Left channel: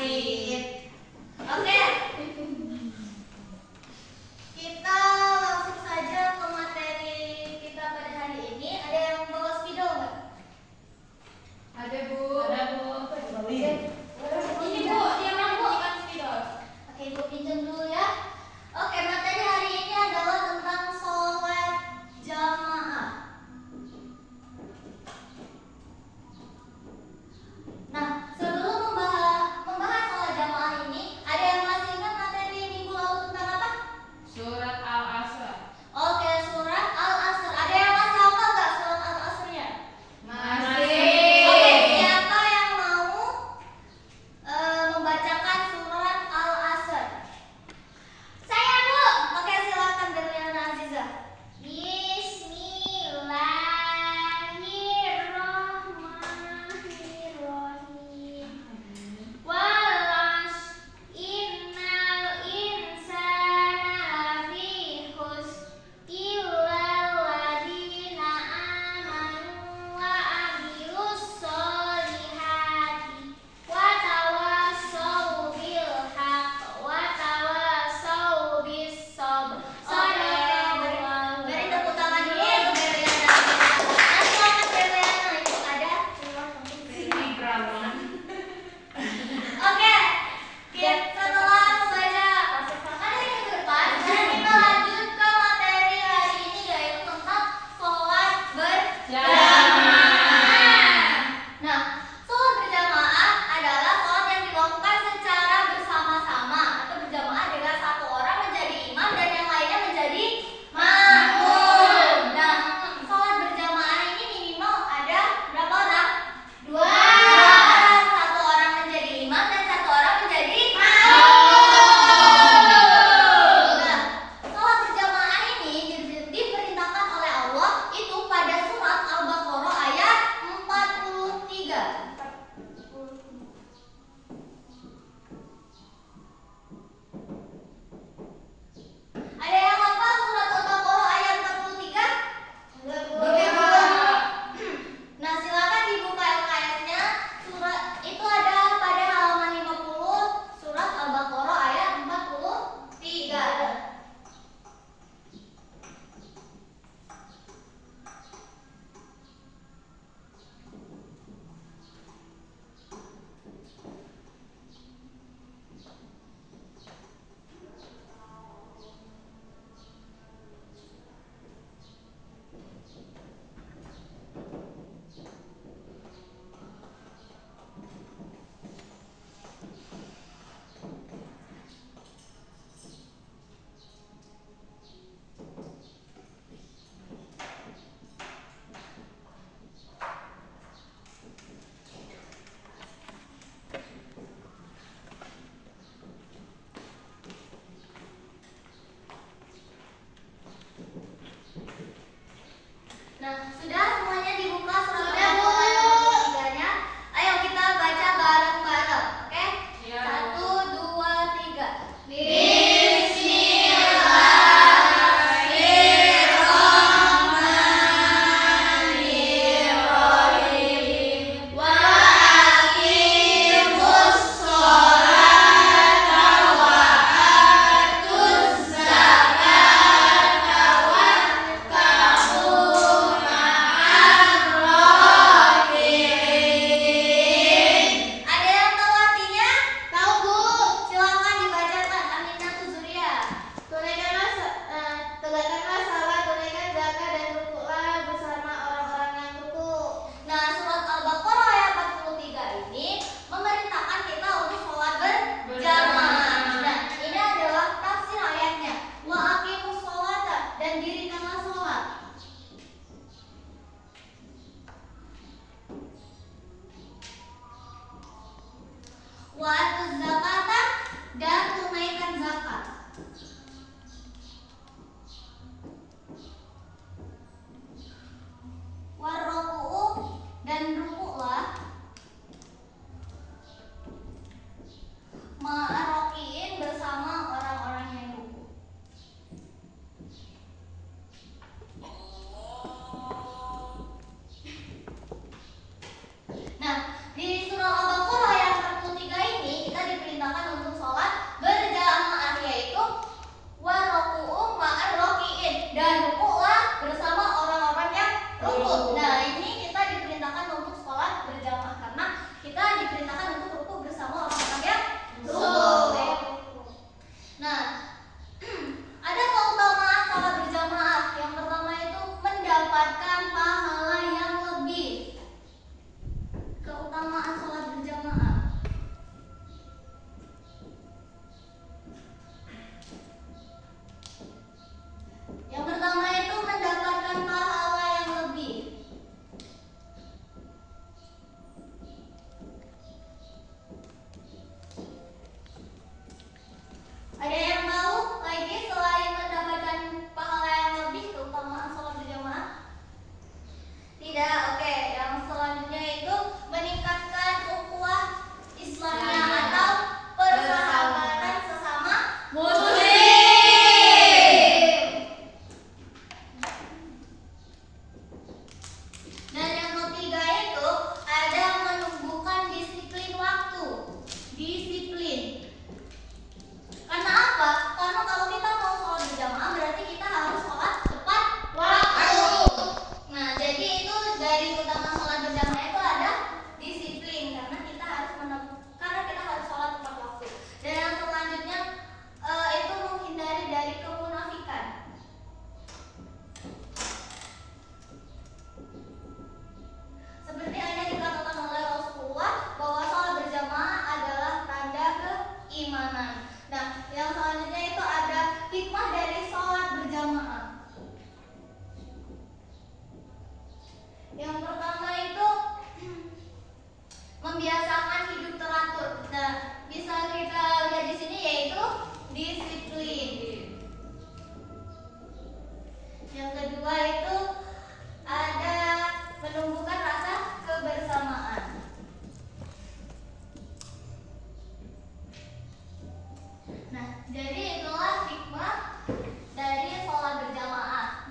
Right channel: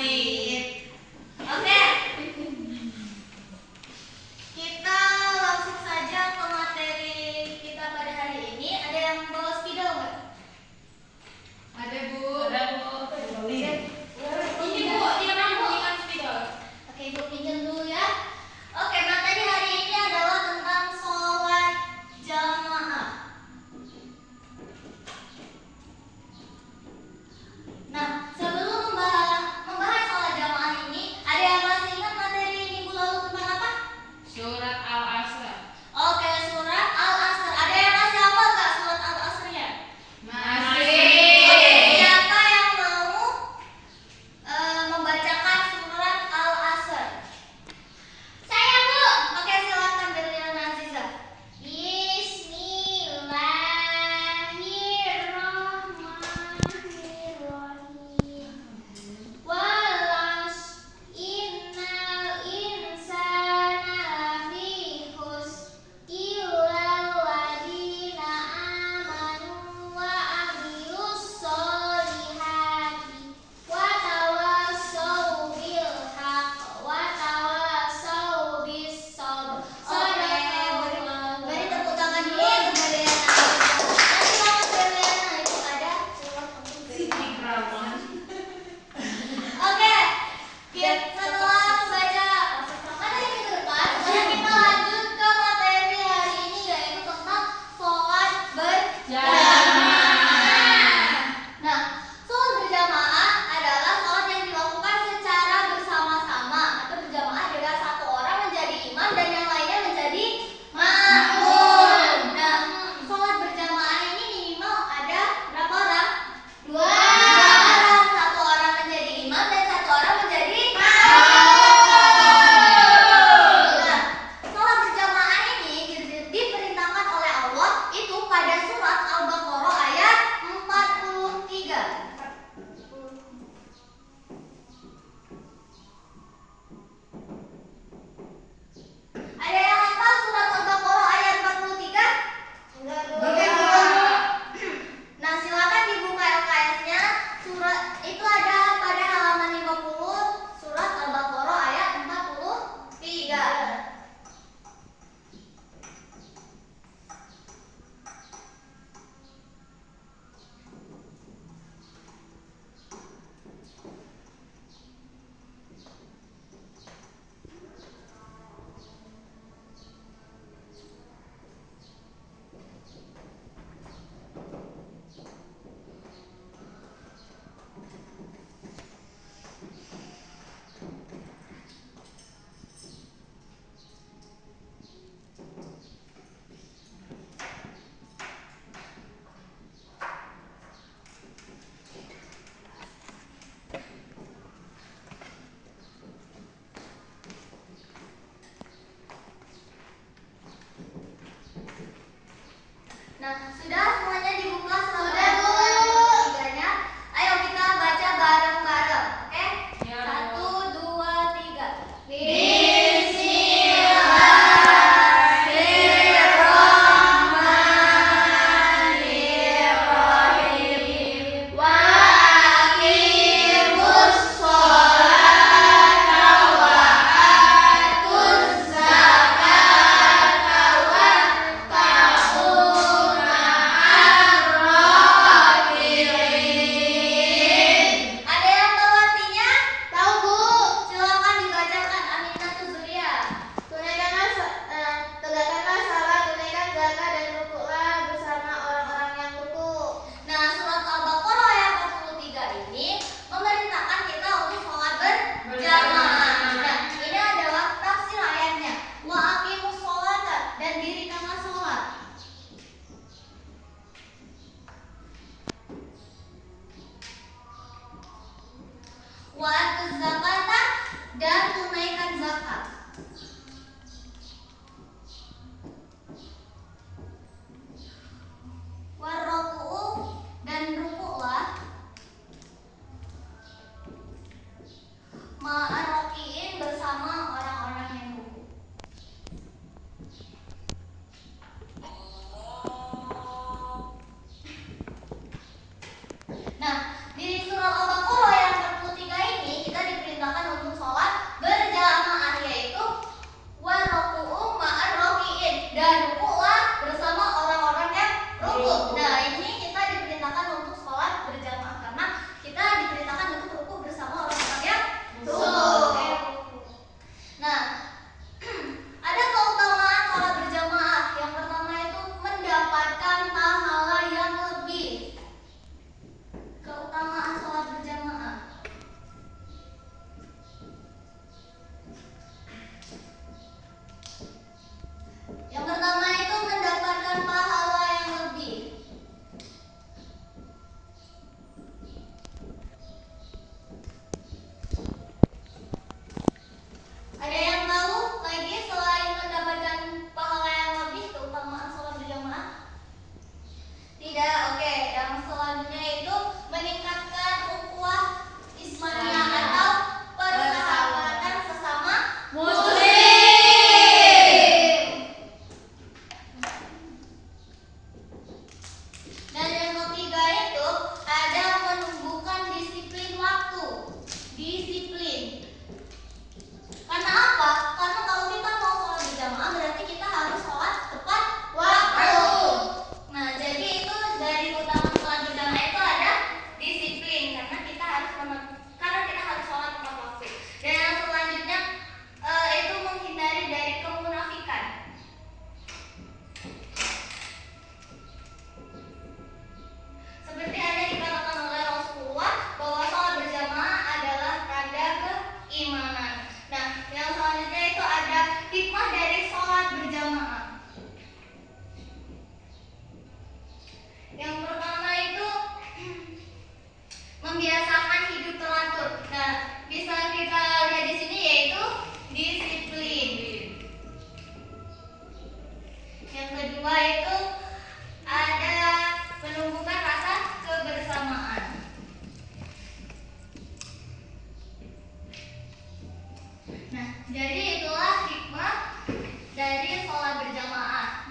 Sip. Oke. Kita langsung saja ke materi kita pada hari ini. Ada yang bawa spidol nggak? Ada Bu. Ada Bu. Ini Bu, dia mana Bu? Oke, Ibu pinjam dulu ya. Oke, materi hari ini adalah tentang sholat jamaah. Nah, sebelum membahas sholat membiasakan hidup teratur. Nah, bisa kita lihat di sini yaitu disiplin. Yang kedua itu ada menumbuhkan rasa kebersamaan. Nah, jadi itulah hikmah dari sholat berjamaah.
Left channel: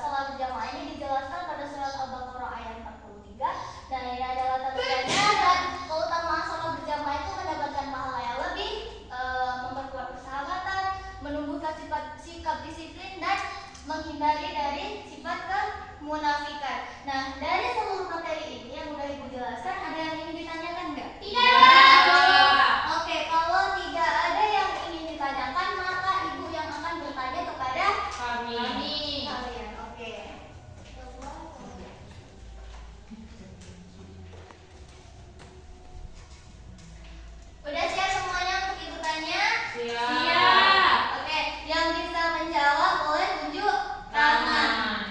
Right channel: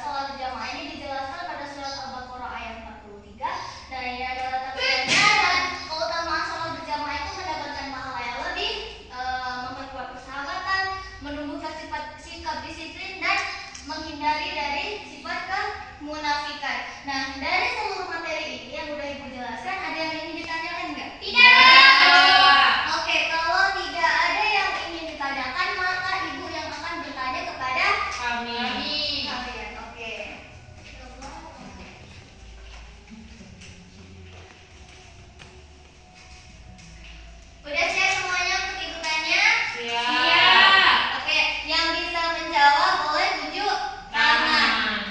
Sholat berjamaah ini dijelaskan pada surat Al-Baqarah ayat 43. Nah, ini adalah tabiatnya dan keutamaan sholat berjamaah itu mendapatkan pahala yang lebih, memperkuat persahabatan, menumbuhkan sikap disiplin dan menghindari dari sifat kemunafikan. Nah, dari seluruh materi ini yang udah Ibu jelaskan, ada yang ingin ditanyakan enggak? Tidak. Oke, kalau tidak ada yang ingin ditanyakan, maka Ibu yang akan bertanya kepada Kami. kalian. Oke. Udah siap semuanya untuk Ibu tanya? Siap. Oke, yang bisa menjawab boleh tunjuk tangan.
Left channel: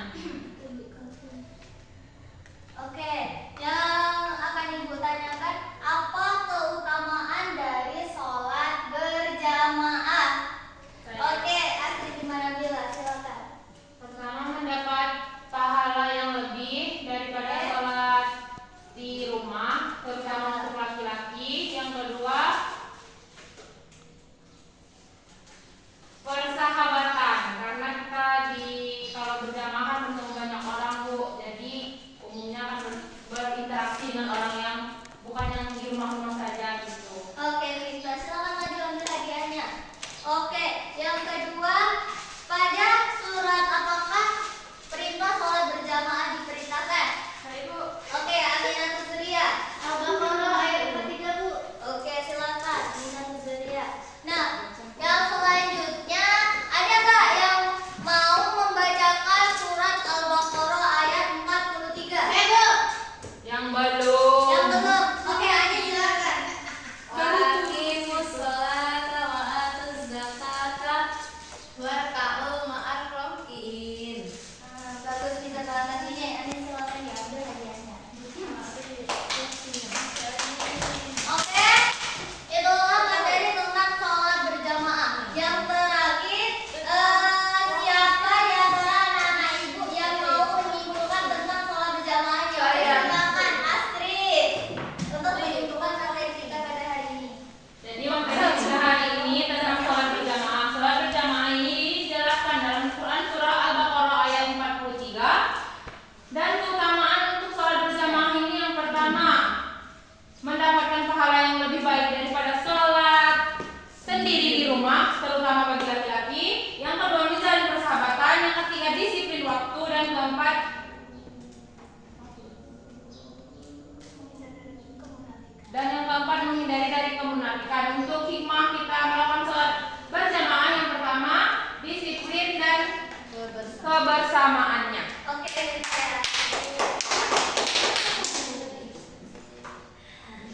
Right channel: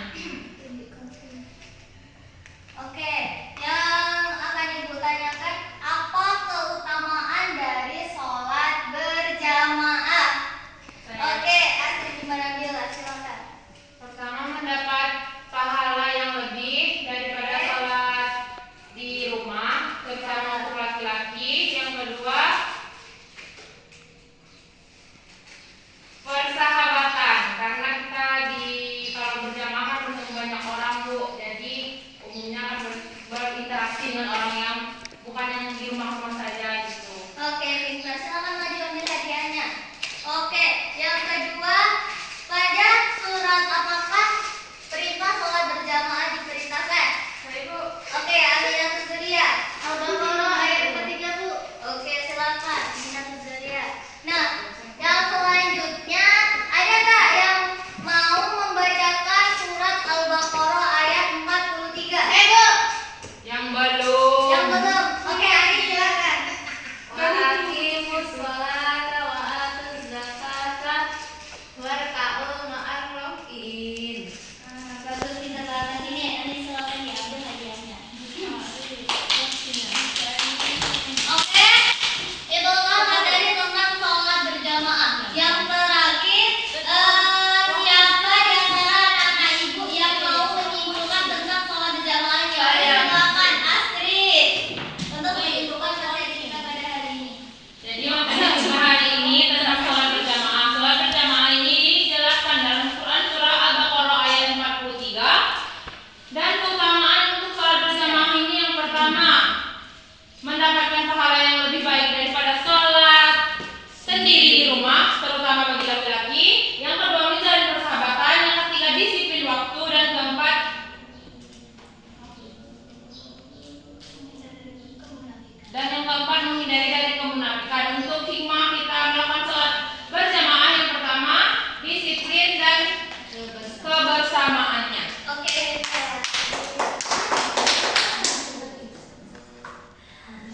Oke, yang akan Ibu tanyakan, apa keutamaan dari sholat berjamaah? Oke, Astrid gimana Bila? Silakan. Pertama, mendapat pahala yang lebih daripada sholat di rumah, terutama untuk laki-laki. Yang kedua, persahabatan, karena kita kalau berjamaah kan bertemu banyak orang, Bu. Jadi umumnya akan berinteraksi dengan orang yang bukan yang di rumah-rumah saja gitu. Oke, Rita, silakan maju ambil hadiahnya. Oke, yang kedua, pada surat apakah perintah sholat berjamaah diperintahkan? Ibu. Oke, Aminah Tuzulia. Al-Baqarah ayat 43, Bu. Oke, silakan Aminah Tuzulia. Nah, yang selanjutnya ada nggak yang mau membacakan surat Al-Baqarah ayat 43? Bu. Yang belum. Yang belum. Oke, Ani silakan. Waqimus sholata wa atuz zakata warka'u ma'ar rakiin. Bagus kita bahas ini. Ani silakan diambil hadiahnya. Oke, itulah materi tentang sholat berjamaah. Yang terakhir, siapa di antara anak ibu yang mau menyimpulkan tentang sholat berjamaah ini? Saya. Silakan Astrid untuk menyimpulkan materi kita pada hari ini. Jadi materi kita hari ini tentang sholat berjamaah. Sholat berjamaah ini dijelaskan dalam Quran surah Al-Baqarah ayat 43. Dan keutamaan untuk sholat berjamaah ini yang pertama, mendapatkan pahala yang lebih baik daripada sholat sendiri di rumah, terutama bagi laki-laki. Yang kedua, menjalin persahabatan. Yang ketiga, disiplin waktu. Dan keempat, menghindari dari kemunafikan. Untuk hikmah kita melakukan sholat berjamaah, yang pertama, disiplin dan kebersamaannya. Oke,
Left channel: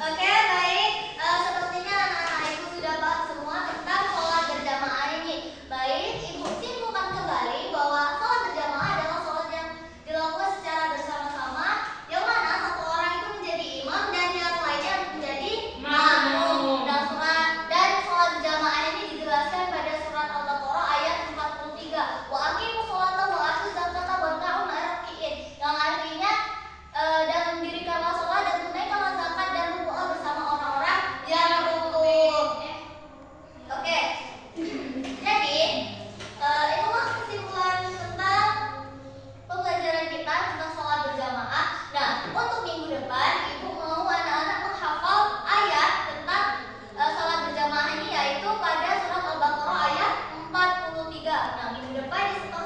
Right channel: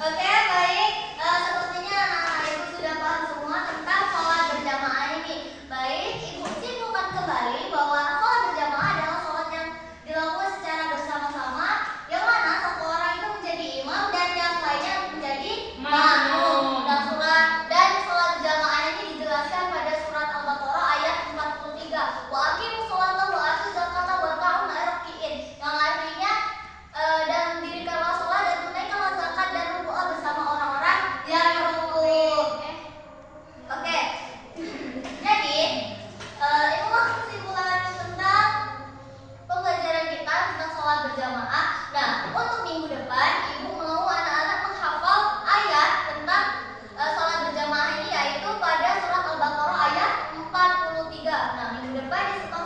Oke, baik. Sepertinya anak-anak ibu sudah paham semua tentang sholat berjamaah ini. Baik, ibu simpulkan kembali bahwa sholat berjamaah adalah sholat yang dilakukan secara bersama-sama, yang mana satu orang itu menjadi imam dan yang lainnya menjadi makmum. Dan sholat berjamaah ini dijelaskan pada surat Al-Baqarah ayat 43. Wa aqimus sholata wa atuz zakata warka'u ma'ar rakiin. Yang artinya dan dirikanlah sholat dan tunaikanlah zakat dan rukuk bersama orang-orang yang rukuk. Oke. Jadi itulah kesimpulan tentang pembelajaran kita tentang sholat berjamaah. Nah, untuk minggu depan ibu mau anak-anak menghafal ayat tentang sholat berjamaah ini, yaitu pada surat Al-Baqarah ayat 43. Nah, minggu depan di sekolah